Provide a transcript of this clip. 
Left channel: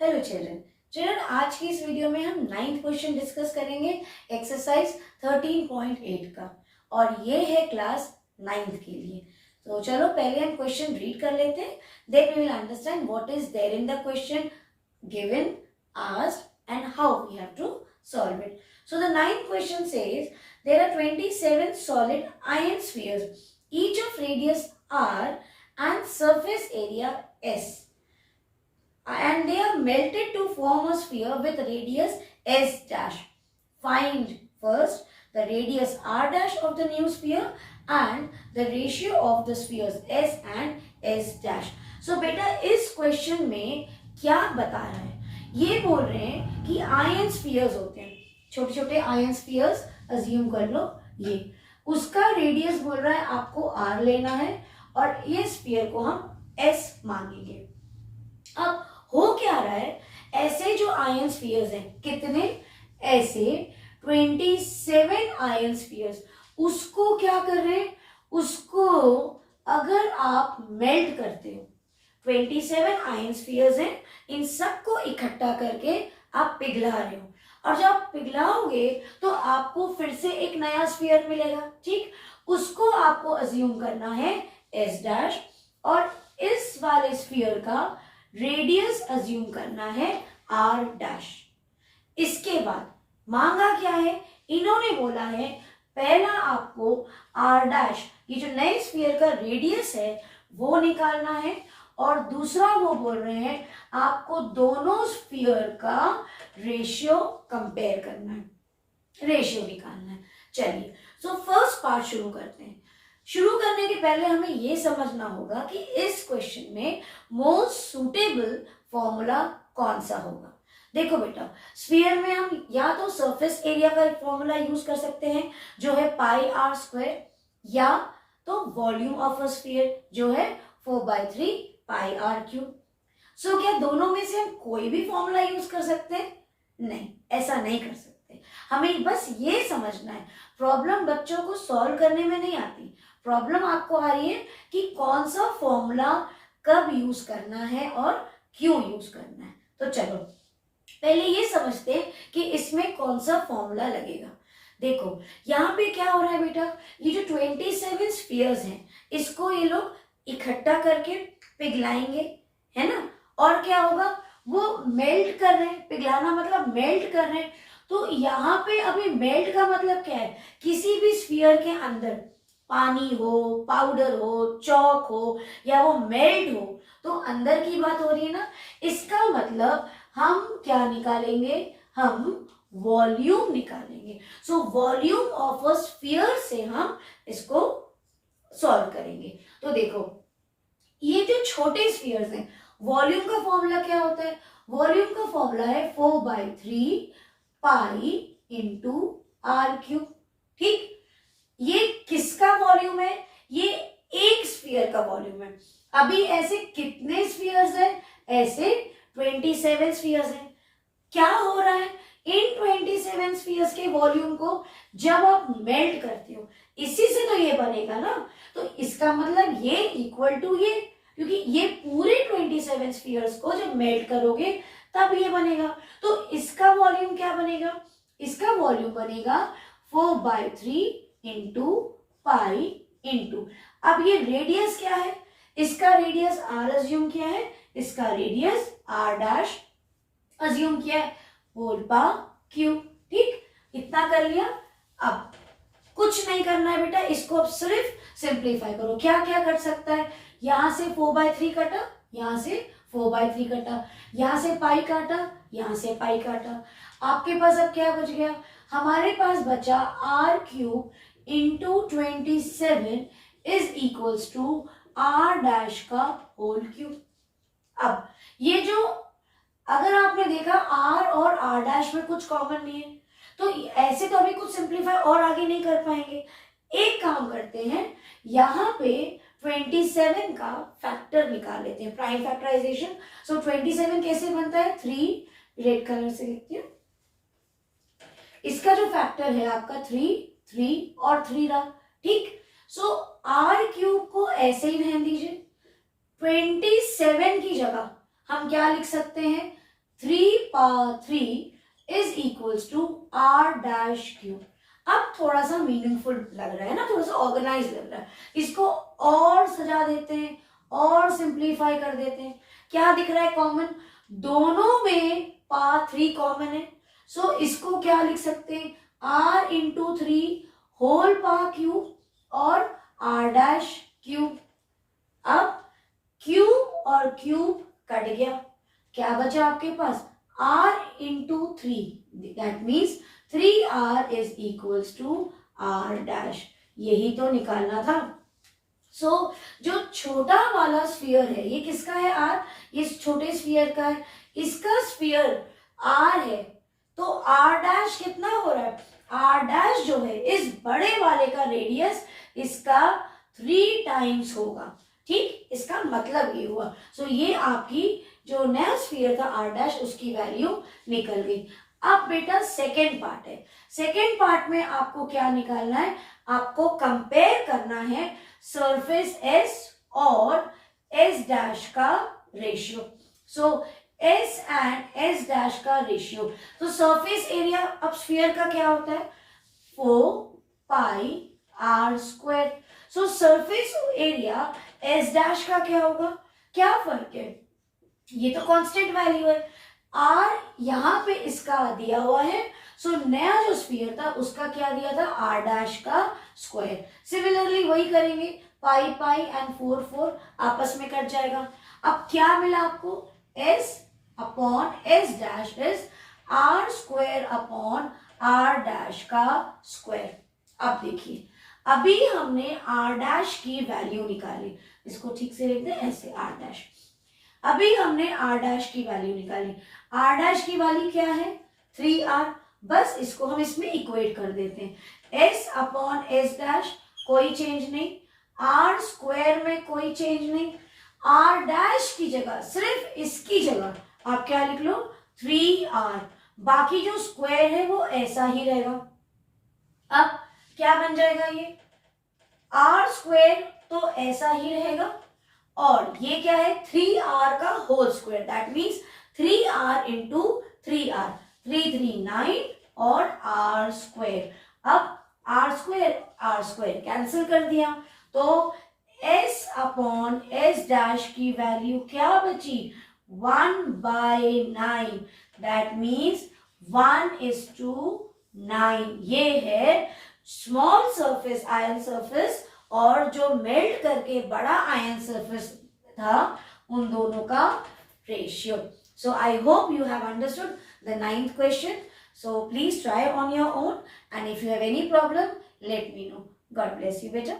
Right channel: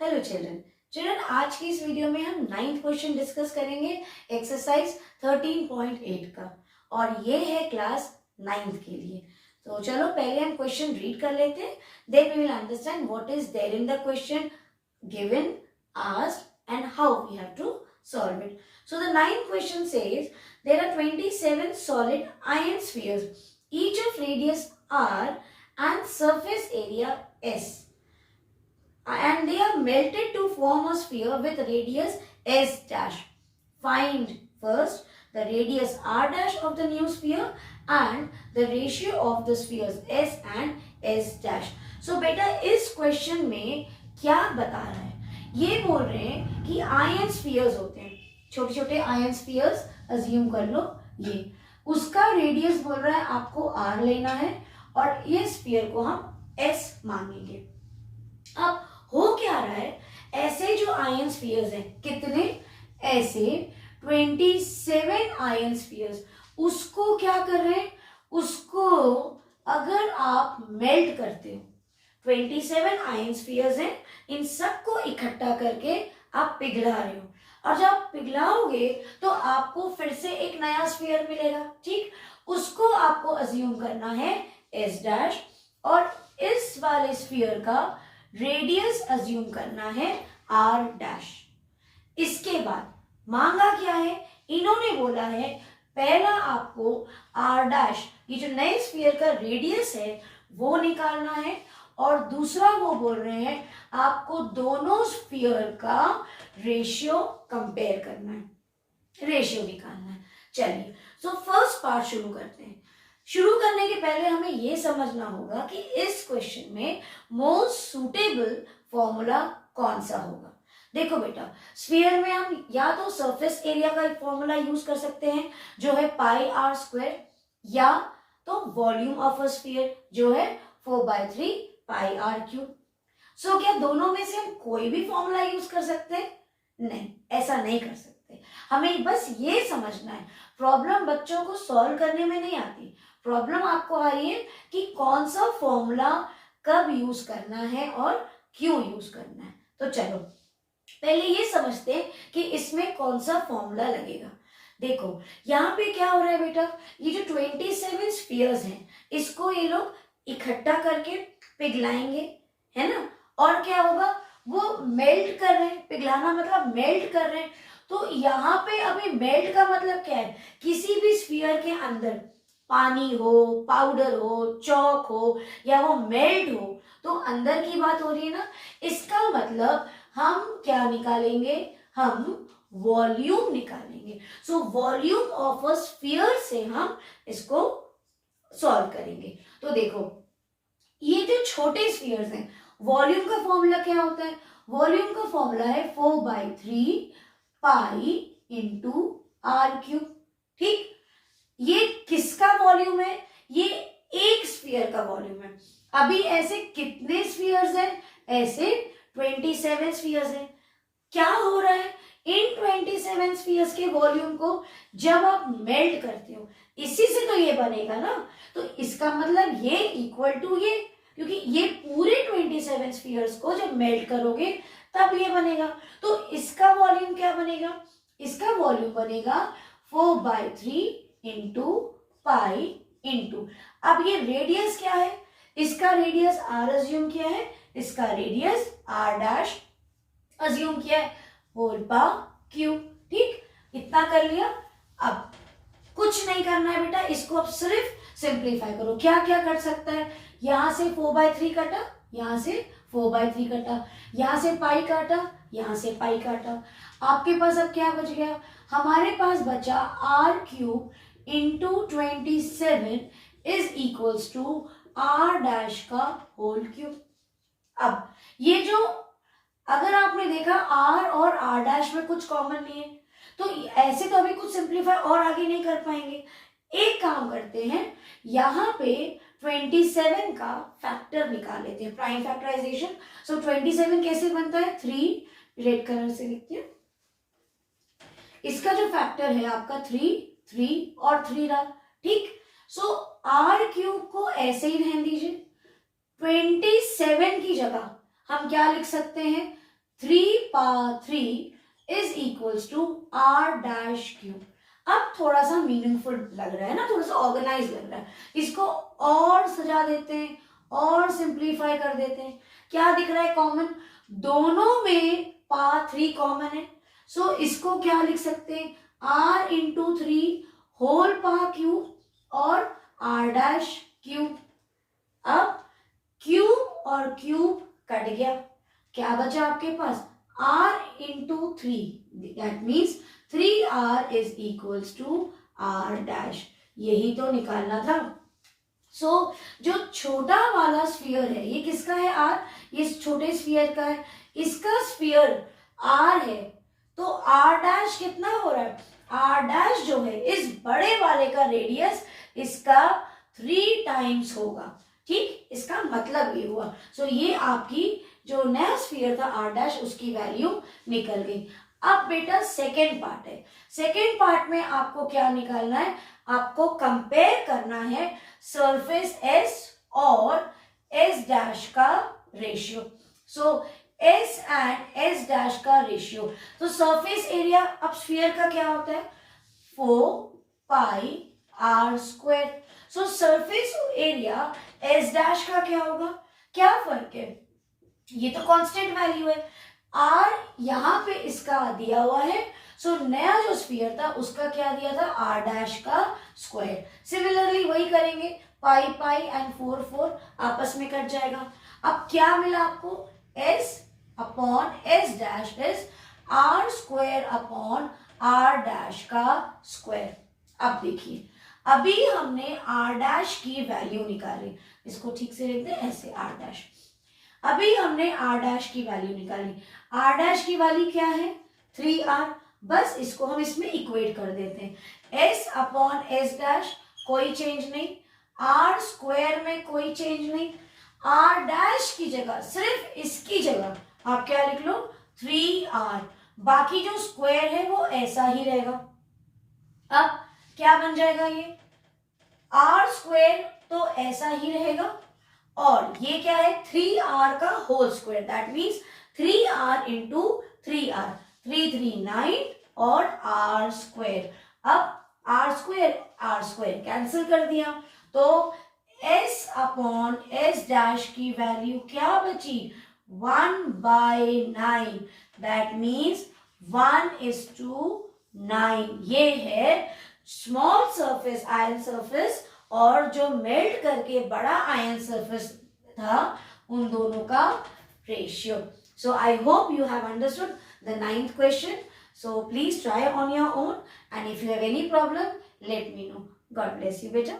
Hello children आज की इस वीडियो में हम 9th क्वेश्चन डिस्कस करेंगे एक्सरसाइज 13.8 का और ये है क्लास 9th के लिए। तो चलो पहले हम क्वेश्चन रीड कर लेते हैं, then we will understand what is there in the question given, asked and how we have to solve it. So the 9th question says there are 27 solid iron spheres, each of radius r and surface area s. And they are melted to form a sphere with radius s dash. Find first the radius r dash of the new sphere and the ratio of the spheres s and s dash. So बेटा इस question में क्या बता रहा है, ये बोल रहे हैं कि आयन स्फीयर्स होते हैं, छोटे छोटे आयन स्फीयर्स अज्यूम कर लो, ये उसका रेडियस बोल रहा है आपको r लेना है और ये स्फीयर को हम s मानेंगे। अब हो क्या रहा है, ऐसे जो आयन स्फीयर्स हैं, कितने, ऐसे 27 आयन स्फीयर्स, उसको क्या कर रहे हैं, उसको अगर आप मेल्ट करते हो, 27 आयन स्फीयर्स हैं, इन सबको इकट्ठा करके आप पिघला रहे हो और जब आप पिघलाओगे तो आपको फिर से एक नया स्फीयर मिलेगा, ठीक, उसको आपको अज्यूम करना है एस डैश और इस वाले स्फीयर का रेडियस अज्यूम करना है आर डैश। इसके बाद मांगा क्या है, इन्होंने बोला है पहला आपको आर डैश, ये जो नए स्फीयर का रेडियस है वो निकालना है और दूसरा वो बोल रहे हैं आपको दोनों स्फीयर का रेशियो कंपेयर करना है, रेशियो निकालना है। चलिए सो फर्स्ट पार्ट शुरू करते हैं। शुरू करने के पहले हमें यह समझना होगा कि इस क्वेश्चन में मोस्ट सुटेबल फॉर्मूला कौन सा होगा। देखो बेटा, स्फीयर में हम या तो सरफेस एरिया का एक फॉर्मूला यूज कर सकते हैं जो है पाई आर स्क्वायर, या तो वॉल्यूम ऑफ अ स्फीयर जो है 4/3 पाई आर क्यूब। सो क्या दोनों में से हम कोई भी फॉर्मूला यूज कर सकते हैं? नहीं, ऐसा नहीं कर सकते। हमें बस ये समझना है, प्रॉब्लम बच्चों को सॉल्व करने में नहीं आती, प्रॉब्लम आपको आ रही है कि कौन सा फॉर्मूला कब यूज करना है और क्यों यूज करना है। तो चलो पहले ये समझते हैं कि इसमें कौन सा फॉर्मूला लगेगा। देखो यहाँ पे क्या हो रहा है बेटा, ये जो 27 स्फीयर्स हैं इसको ये लोग इकट्ठा करके पिघलाएंगे, है ना, और क्या होगा, वो मेल्ट कर रहे हैं, पिघलाना मतलब मेल्ट कर रहे हैं। तो यहाँ पे अभी मेल्ट का मतलब क्या है, किसी भी स्फीयर के अंदर पानी हो, पाउडर हो, चौक हो या वो मेल्ट हो तो अंदर की बात हो रही है ना, इसका मतलब हम क्या निकालेंगे, हम वॉल्यूम निकालेंगे। So volume of a sphere से हम इसको सॉल्व करेंगे। तो देखो ये जो छोटे स्फीयर्स हैं, वॉल्यूम का फॉर्मूला क्या होता है, वॉल्यूम का फॉर्मूला है 4/3 पाई इंटू आर क्यूब, ठीक। ये किसका वॉल्यूम है, ये एक स्फीयर का वॉल्यूम है। अभी ऐसे कितने स्फीयर्स हैं, ऐसे 27 स्फीयर्स हैं। क्या हो रहा है, इन 27 स्फीयर्स के वॉल्यूम को जब आप मेल्ट करते हो, इसी से तो ये बनेगा ना, तो इसका मतलब ये इक्वल टू ये, क्योंकि ये पूरे 27 स्फीयर्स को जब मेल्ट करोगे तब ये बनेगा। तो इसका वॉल्यूम क्या बनेगा, इसका वॉल्यूम बनेगा 4/3 इंटू पाई इंटू, अब ये रेडियस क्या है, इसका रेडियस आर अज्यूम किया है, इसका रेडियस आर डैश अज्यूम किया है, होल पावर क्यूब, ठीक, इतना कर लिया। अब कुछ नहीं करना है बेटा, इसको अब सिर्फ सिंप्लीफाई करो। क्या क्या कट सकता है, यहां से 4/3 कटा, यहां से 4/3 कटा, यहां से पाई काटा, यहां से पाई काटा, आपके पास अब क्या बच गया, हमारे पास बचा R cube into 27 is equals to R dash का होल क्यूब। अब ये जो, अगर आपने देखा आर और आर डैश में कुछ कॉमन नहीं है, तो ऐसे तो अभी कुछ सिंप्लीफाई और आगे नहीं कर पाएंगे। एक काम करते हैं, यहाँ पे 27 का फैक्टर निकाल लेते हैं, प्राइम फैक्टराइजेशन। सो 27 कैसे बनता है, 3, रेड कलर से लिखते हैं, इसका जो फैक्टर है आपका 3 और 3 रहा, ठीक। सो आर क्यूब को ऐसे ही रहने दीजिए, 27 की जगह हम क्या लिख सकते हैं, 3/3 is equals to r dash cube. अब थोड़ा सा मीनिंगफुल लग रहा है ना, थोड़ा सा ऑर्गेनाइज लग रहा है। इसको और सजा देते हैं और सिंप्लीफाई कर देते हैं। क्या दिख रहा है कॉमन? दोनों में पावर 3 कॉमन है। सो इसको क्या लिख सकते हैं? r into 3 whole power cube और r डैश क्यूब। अब क्यूब और क्यूब कट गया, क्या बचा आपके पास? r into 3, that means 3r is equals to r dash. यही तो निकालना था। सो जो छोटा वाला स्फीयर है, ये किसका है? r, ये छोटे स्फीयर का है, इसका स्फीयर r है, तो r डैश कितना हो रहा है? r डैश जो है इस बड़े वाले का रेडियस इसका 3 टाइम्स होगा। ठीक, इसका मतलब ये हुआ। सो ये आपकी जो नया स्फीयर था r डैश, उसकी वैल्यू निकल गई। अब बेटा सेकेंड पार्ट है। सेकेंड पार्ट में आपको क्या निकालना है? आपको कंपेयर करना है सरफेस S और S डैश का ratio. So S and S dash का रेशियो, तो सरफेस एरिया अब स्फीयर का क्या होता है? 4πr²। सो सरफेस एरिया S डैश का क्या होगा? क्या फर्क है? ये तो कांस्टेंट वैल्यू है, r यहाँ पे इसका दिया हुआ है। सो नया जो स्फीयर था उसका क्या दिया था? r डैश का स्क्वायर। सिमिलरली वही करेंगे, पाई पाई एंड 4 4 आपस में कट जाएगा। अब क्या मिला आपको? s upon s dash is r² upon r dash का स्क्वायर। अब देखिए, अभी हमने r डैश की वैल्यू निकाली, इसको ठीक से लिख दें ऐसे, r डैश। अभी हमने r डैश की वैल्यू निकाली। r डैश की वैल्यू क्या है? 3r। बस इसको हम इसमें इक्वेट कर देते हैं। s अपॉन s डैश कोई चेंज नहीं, r² में कोई चेंज नहीं, r डैश की जगह, सिर्फ इसकी जगह आप क्या लिख लो? 3r। बाकी जो स्क्वायर है वो ऐसा ही रहेगा। अब क्या बन जाएगा? ये r² तो ऐसा ही रहेगा, और ये क्या है? 3r का whole square, that means 3r into 3r, 3 3 9 और r²। अब r² कैंसिल कर दिया, तो s अपॉन s डैश की वैल्यू क्या बची? 1/9, दैट मीन्स 1:9। ये है स्मॉल सरफेस आयन सरफेस और जो मेल्ट करके बड़ा आयन सरफेस था, उन दोनों का ratio. So I hope you have understood the 9th question. So please try on your own, and if you have any problem let me know. God bless you बेटा।